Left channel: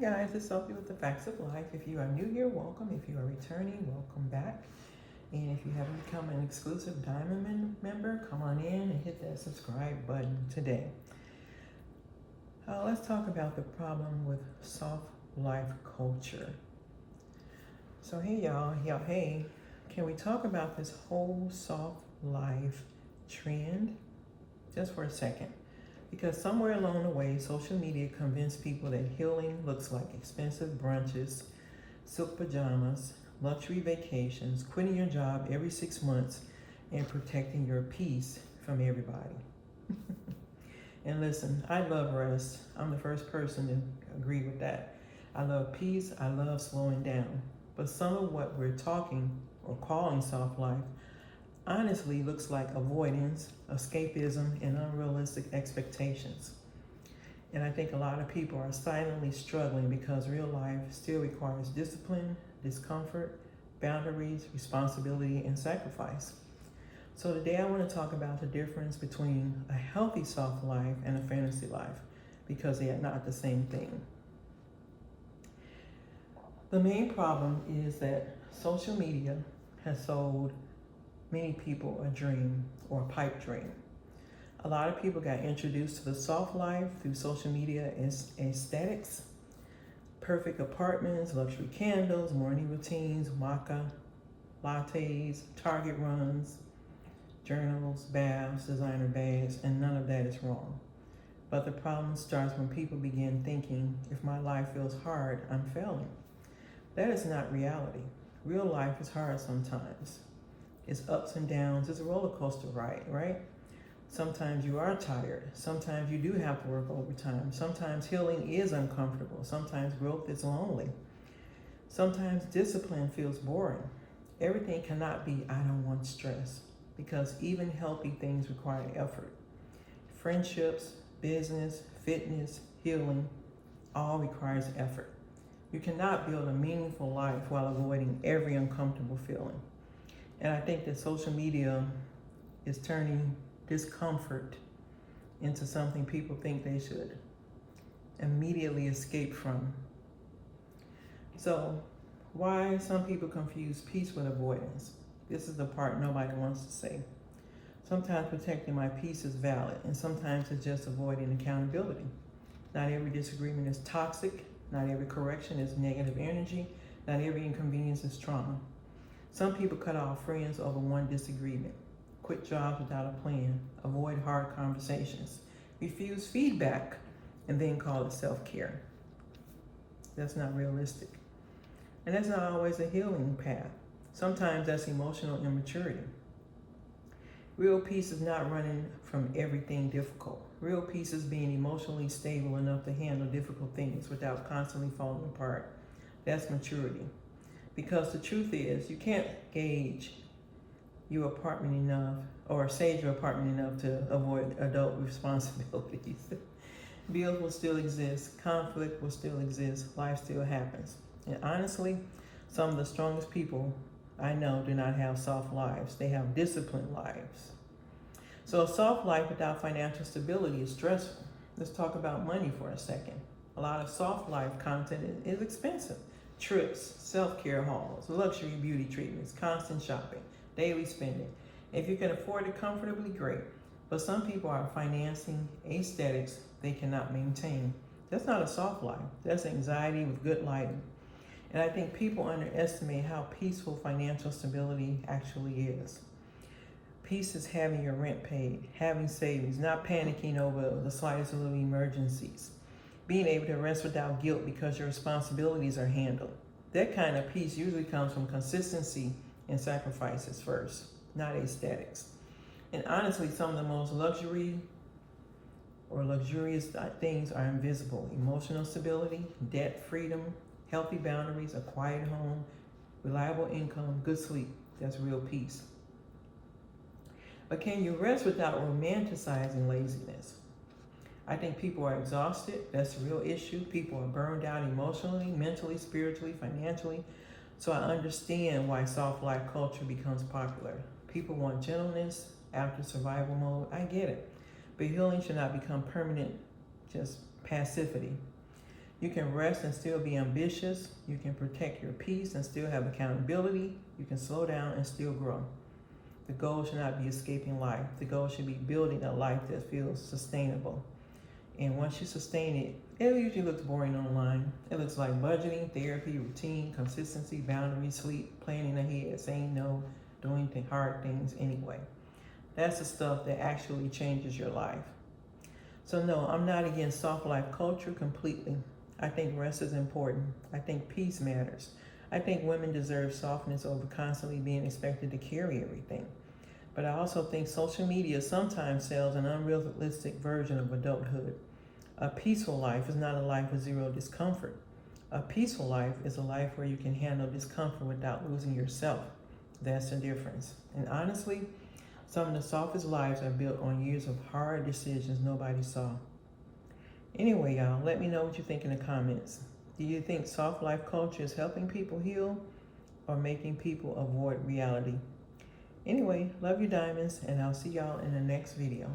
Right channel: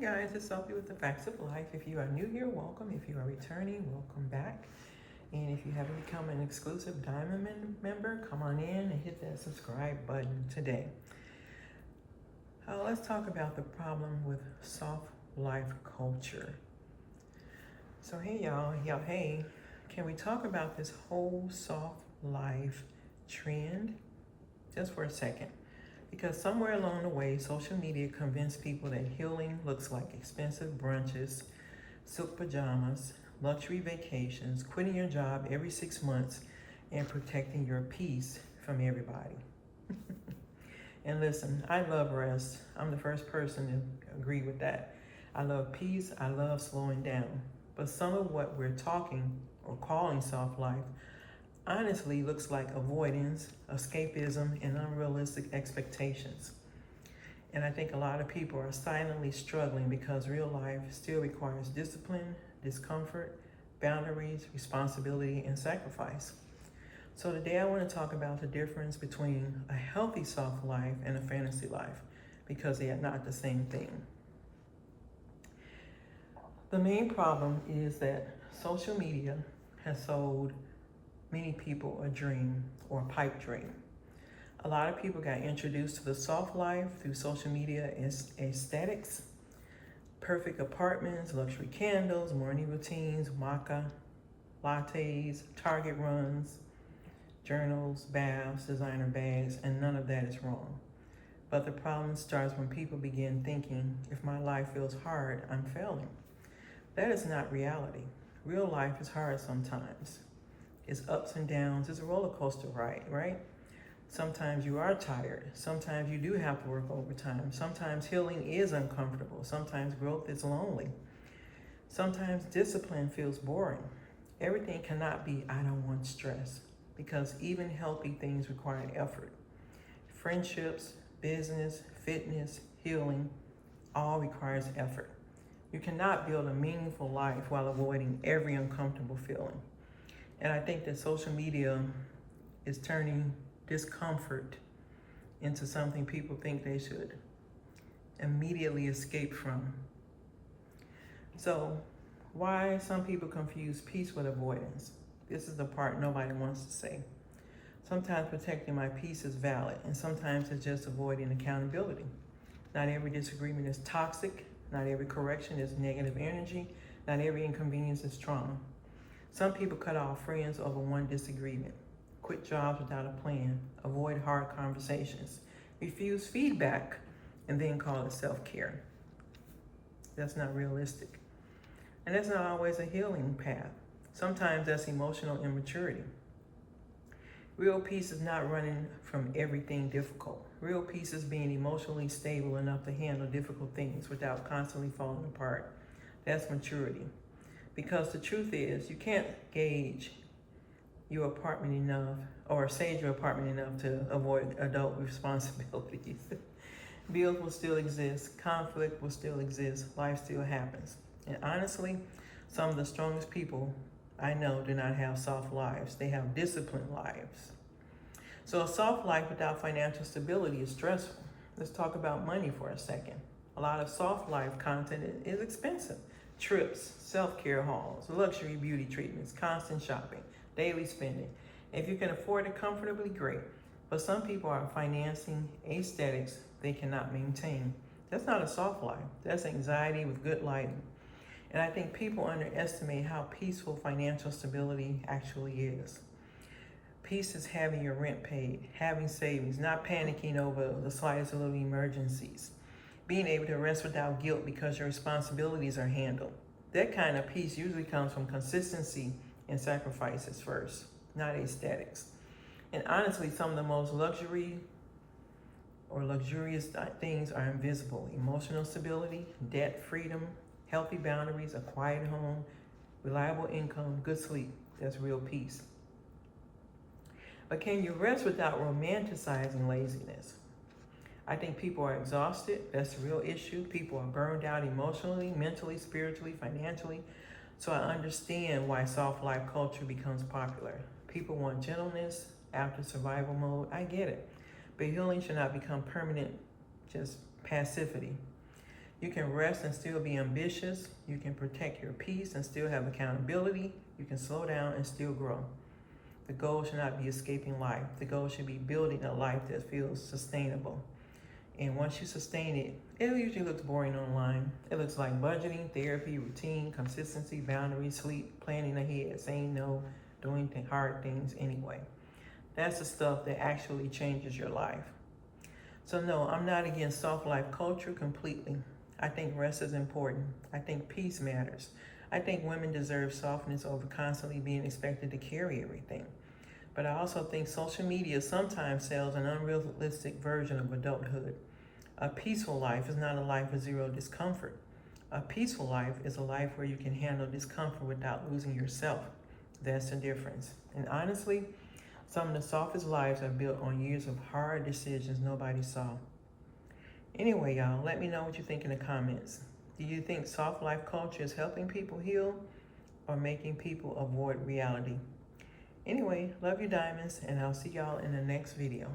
guys, it's Sophie with the Facts of Life. If you are new here, welcome. If you are returning, welcome back. And if you haven't become an exclusive Diamond member, come on in and hit that subscribe button today. Let's talk about the problem with soft life culture. So hey y'all, hey, can we talk about this whole soft life trend just for a second? Because somewhere along the way, social media convinced people that healing looks like expensive brunches, silk pajamas, luxury vacations, quitting your job every 6 months, and protecting your peace from everybody. And listen, I love rest. I'm the first person to agree with that. I love peace. I love slowing down. But some of what we're talking or calling soft life honestly looks like avoidance, escapism, and unrealistic expectations. And I think a lot of people are silently struggling because real life still requires discipline, discomfort, boundaries, responsibility, and sacrifice. So today I want to talk about the difference between a healthy soft life and a fantasy life because they are not the same thing. The main problem is that social media has sold many people a dream or a pipe dream. A lot of people got introduced to the soft life through social media aesthetics, perfect apartments, luxury candles, morning routines, maca, lattes, Target runs, journals, baths, designer bags, and none of that is wrong. But the problem starts when people begin thinking, if my life feels hard, I'm failing. That is not reality. Real life is hard sometimes. It's ups and downs. It's a roller coaster ride, right? Sometimes you are tired. Sometimes you do have to work overtime. Sometimes healing is uncomfortable. Sometimes growth is lonely. Sometimes discipline feels boring. Everything cannot be, I don't want stress, because even healthy things require effort. Friendships, business, fitness, healing, all requires effort. You cannot build a meaningful life while avoiding every uncomfortable feeling. And I think that social media is turning discomfort into something people think they should immediately escape from. So, why some people confuse peace with avoidance? This is the part nobody wants to say. Sometimes protecting my peace is valid, and sometimes it's just avoiding accountability. Not every disagreement is toxic. Not every correction is negative energy. Not every inconvenience is trauma. Some people cut off friends over one disagreement, quit jobs without a plan, avoid hard conversations, refuse feedback, and then call it self-care. That's not realistic. And that's not always a healing path. Sometimes that's emotional immaturity. Real peace is not running from everything difficult. Real peace is being emotionally stable enough to handle difficult things without constantly falling apart. That's maturity. Because the truth is, you can't gauge your apartment enough or sage your apartment enough to avoid adult responsibilities. Bills will still exist, conflict will still exist, life still happens. And honestly, some of the strongest people I know do not have soft lives, they have disciplined lives. So a soft life without financial stability is stressful. Let's talk about money for a second. A lot of soft life content is expensive. Trips, self-care hauls, luxury beauty treatments, constant shopping, daily spending. If you can afford it comfortably, great. But some people are financing aesthetics they cannot maintain. That's not a soft life. That's anxiety with good lighting. And I think people underestimate how peaceful financial stability actually is. Peace is having your rent paid, having savings, not panicking over the slightest little emergencies, being able to rest without guilt because your responsibilities are handled. That kind of peace usually comes from consistency and sacrifices first, not aesthetics. And honestly, some of the most luxurious things are invisible. Emotional stability, debt freedom, healthy boundaries, a quiet home, reliable income, good sleep. That's real peace. But can you rest without romanticizing laziness? I think people are exhausted. That's the real issue. People are burned out emotionally, mentally, spiritually, financially. So I understand why soft life culture becomes popular. People want gentleness after survival mode. I get it. But healing should not become permanent, just passivity. You can rest and still be ambitious. You can protect your peace and still have accountability. You can slow down and still grow. The goal should not be escaping life. The goal should be building a life that feels sustainable. And once you sustain it, it usually looks boring online. It looks like budgeting, therapy, routine, consistency, boundaries, sleep, planning ahead, saying no, doing hard things anyway. That's the stuff that actually changes your life. So no, I'm not against soft life culture completely. I think rest is important. I think peace matters. I think women deserve softness over constantly being expected to carry everything. But I also think social media sometimes sells an unrealistic version of adulthood. A peaceful life is not a life with zero discomfort. A peaceful life is a life where you can handle discomfort without losing yourself. That's the difference. And honestly, some of the softest lives are built on years of hard decisions nobody saw. Anyway, y'all, let me know what you think in the comments. Do you think soft life culture is helping people heal or making people avoid reality? Anyway, love you diamonds, and I'll see y'all in the next video.